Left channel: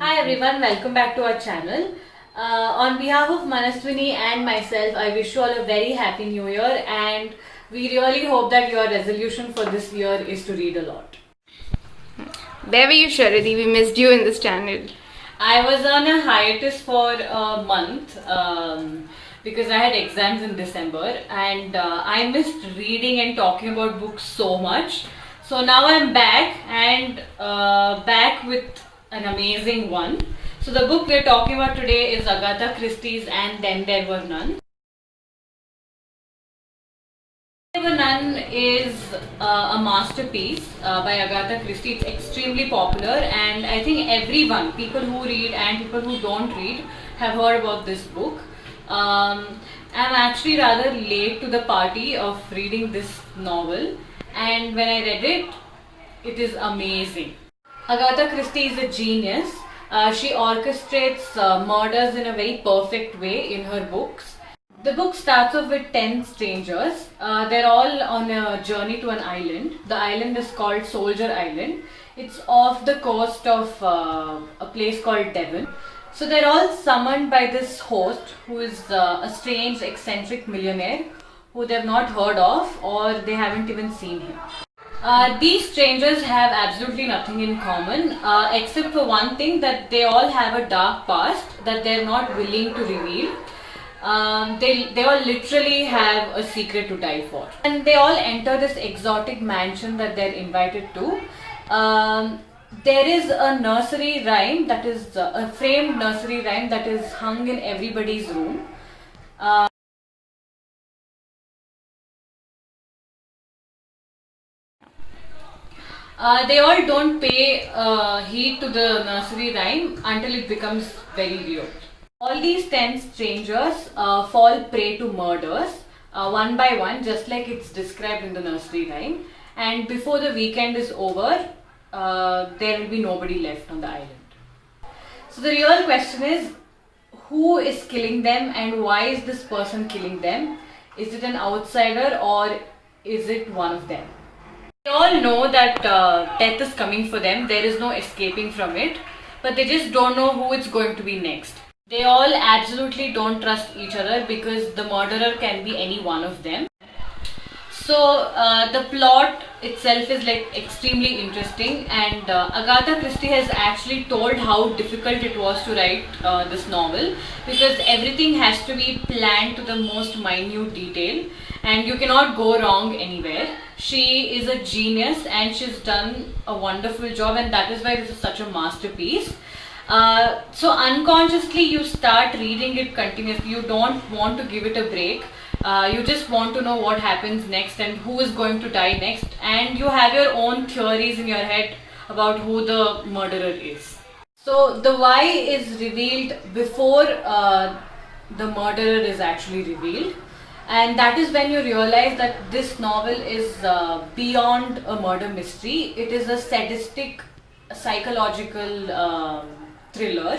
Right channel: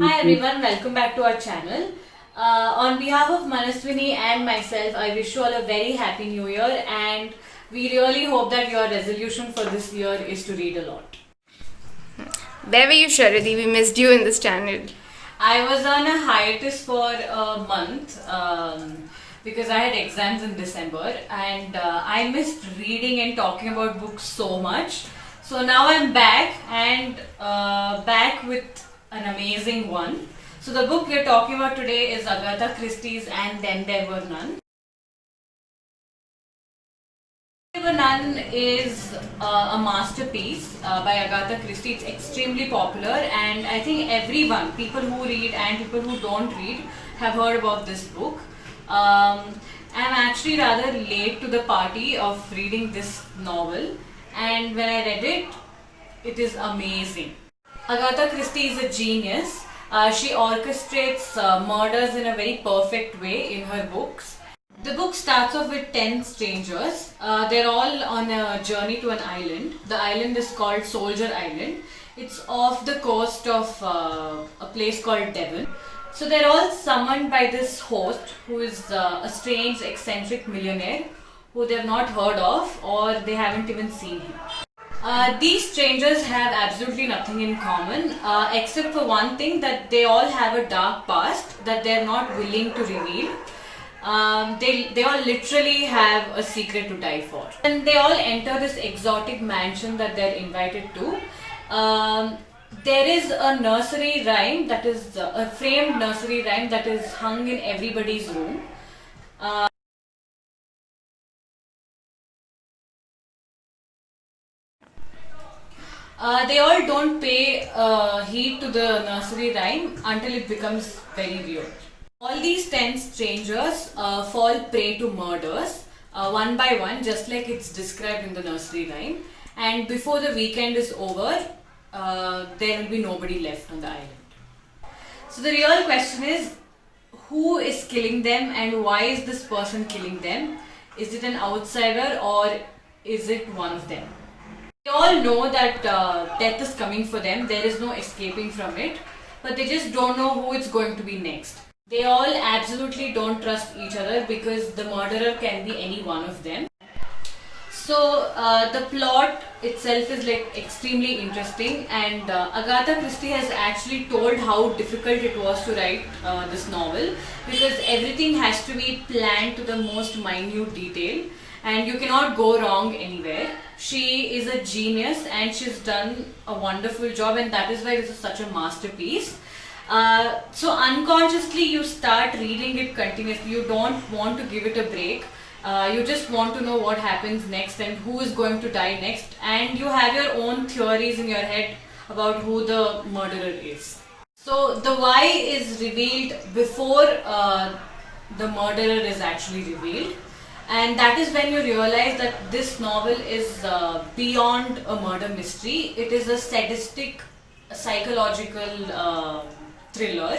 Hi everyone, welcome back to our channel. On behalf of Manaswini and myself, I wish you all a very happy new year, and we really hope that your resolution for this year is to read a lot. Where were you, Sharadi? We missed you in this channel. I was on a hiatus for a month because I had exams in December, and I missed reading and talking about books so much. So now I'm back and back with an amazing one. So the book we're talking about today is Agatha Christie's And Then There Were None. There Were None is a masterpiece by Agatha Christie. It's extremely popular, and I think everyone, people who read and people who don't read, have heard about this book. I'm actually rather late to the party of reading this novel, and when I read it, it is amazing. Agatha Christie is a genius. She orchestrates murders in a very perfect way in her books. The book starts off with 10 strangers. They're all on a journey to an island. The island is called Soldier Island. It's off the coast of a place called Devon. So they're all summoned by this host who is a strange, eccentric millionaire who they've not heard of or they haven't even seen him. These strangers have absolutely nothing in common except for one thing, that they all have a dark past that they're not willing to reveal. They all literally have a secret to die for. And they all enter this exotic mansion that they're invited to. There is a nursery rhyme, that is a framed nursery rhyme that is hung in everybody's room. They all don't pay heed to the nursery rhyme until it becomes very weird. All these 10 strangers fall prey to murders one by one, just like it's described in the nursery rhyme. And before the weekend is over, there will be nobody left on the island. So the real question is, who is killing them and why is this person killing them? Is it an outsider or is it one of them? They all know that death is coming for them, there is no escaping from it, but they just don't know who it's going to be next. They all absolutely don't trust each other because the murderer can be any one of them. So the plot itself is like extremely interesting, and Agatha Christie has actually told how difficult it was to write this novel, because everything has to be planned to the most minute detail and you cannot go wrong anywhere. She is a genius and she's done a wonderful job, and that is why this is such a masterpiece. So unconsciously you start reading it continuously. You don't want to give it a break. You just want to know what happens next and who is going to die next, and you have your own theories in your head about who the murderer is. So the why is revealed before the murderer is actually revealed, and that is when you realize that this novel is beyond a murder mystery. It is a sadistic psychological thriller,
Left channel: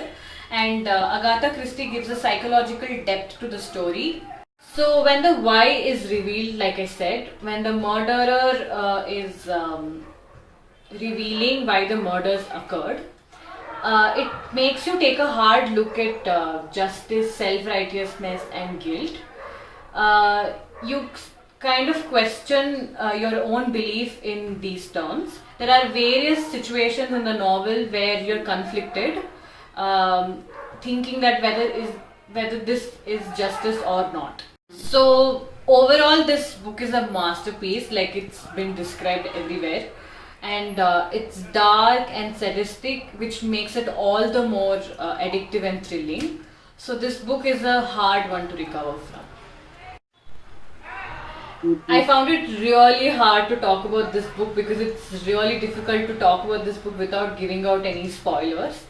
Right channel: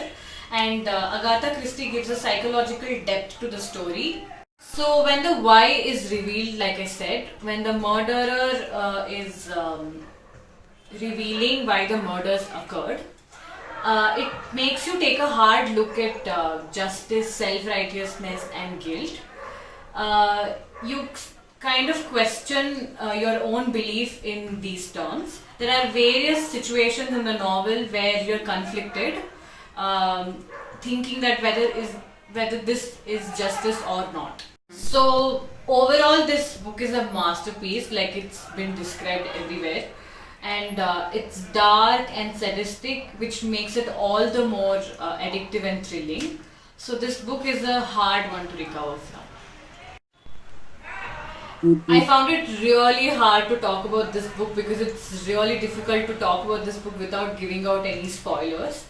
and Agatha Christie gives a psychological depth to the story. So when the why is revealed, like I said, when the murderer is revealing why the murders occurred, it makes you take a hard look at justice, self-righteousness and guilt. You kind of question your own belief in these terms. There are various situations in the novel where you're conflicted, thinking that whether this is justice or not. So overall, this book is a masterpiece, like it's been described everywhere, and it's dark and sadistic, which makes it all the more addictive and thrilling. So this book is a hard one to recover from. I found it really hard to talk about this book because it's really difficult to talk about this book without giving out any spoilers.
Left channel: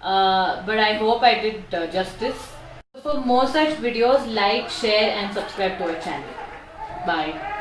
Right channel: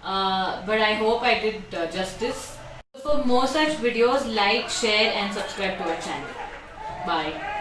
But I hope I did justice. For more such videos, like, share and subscribe to our channel. Bye.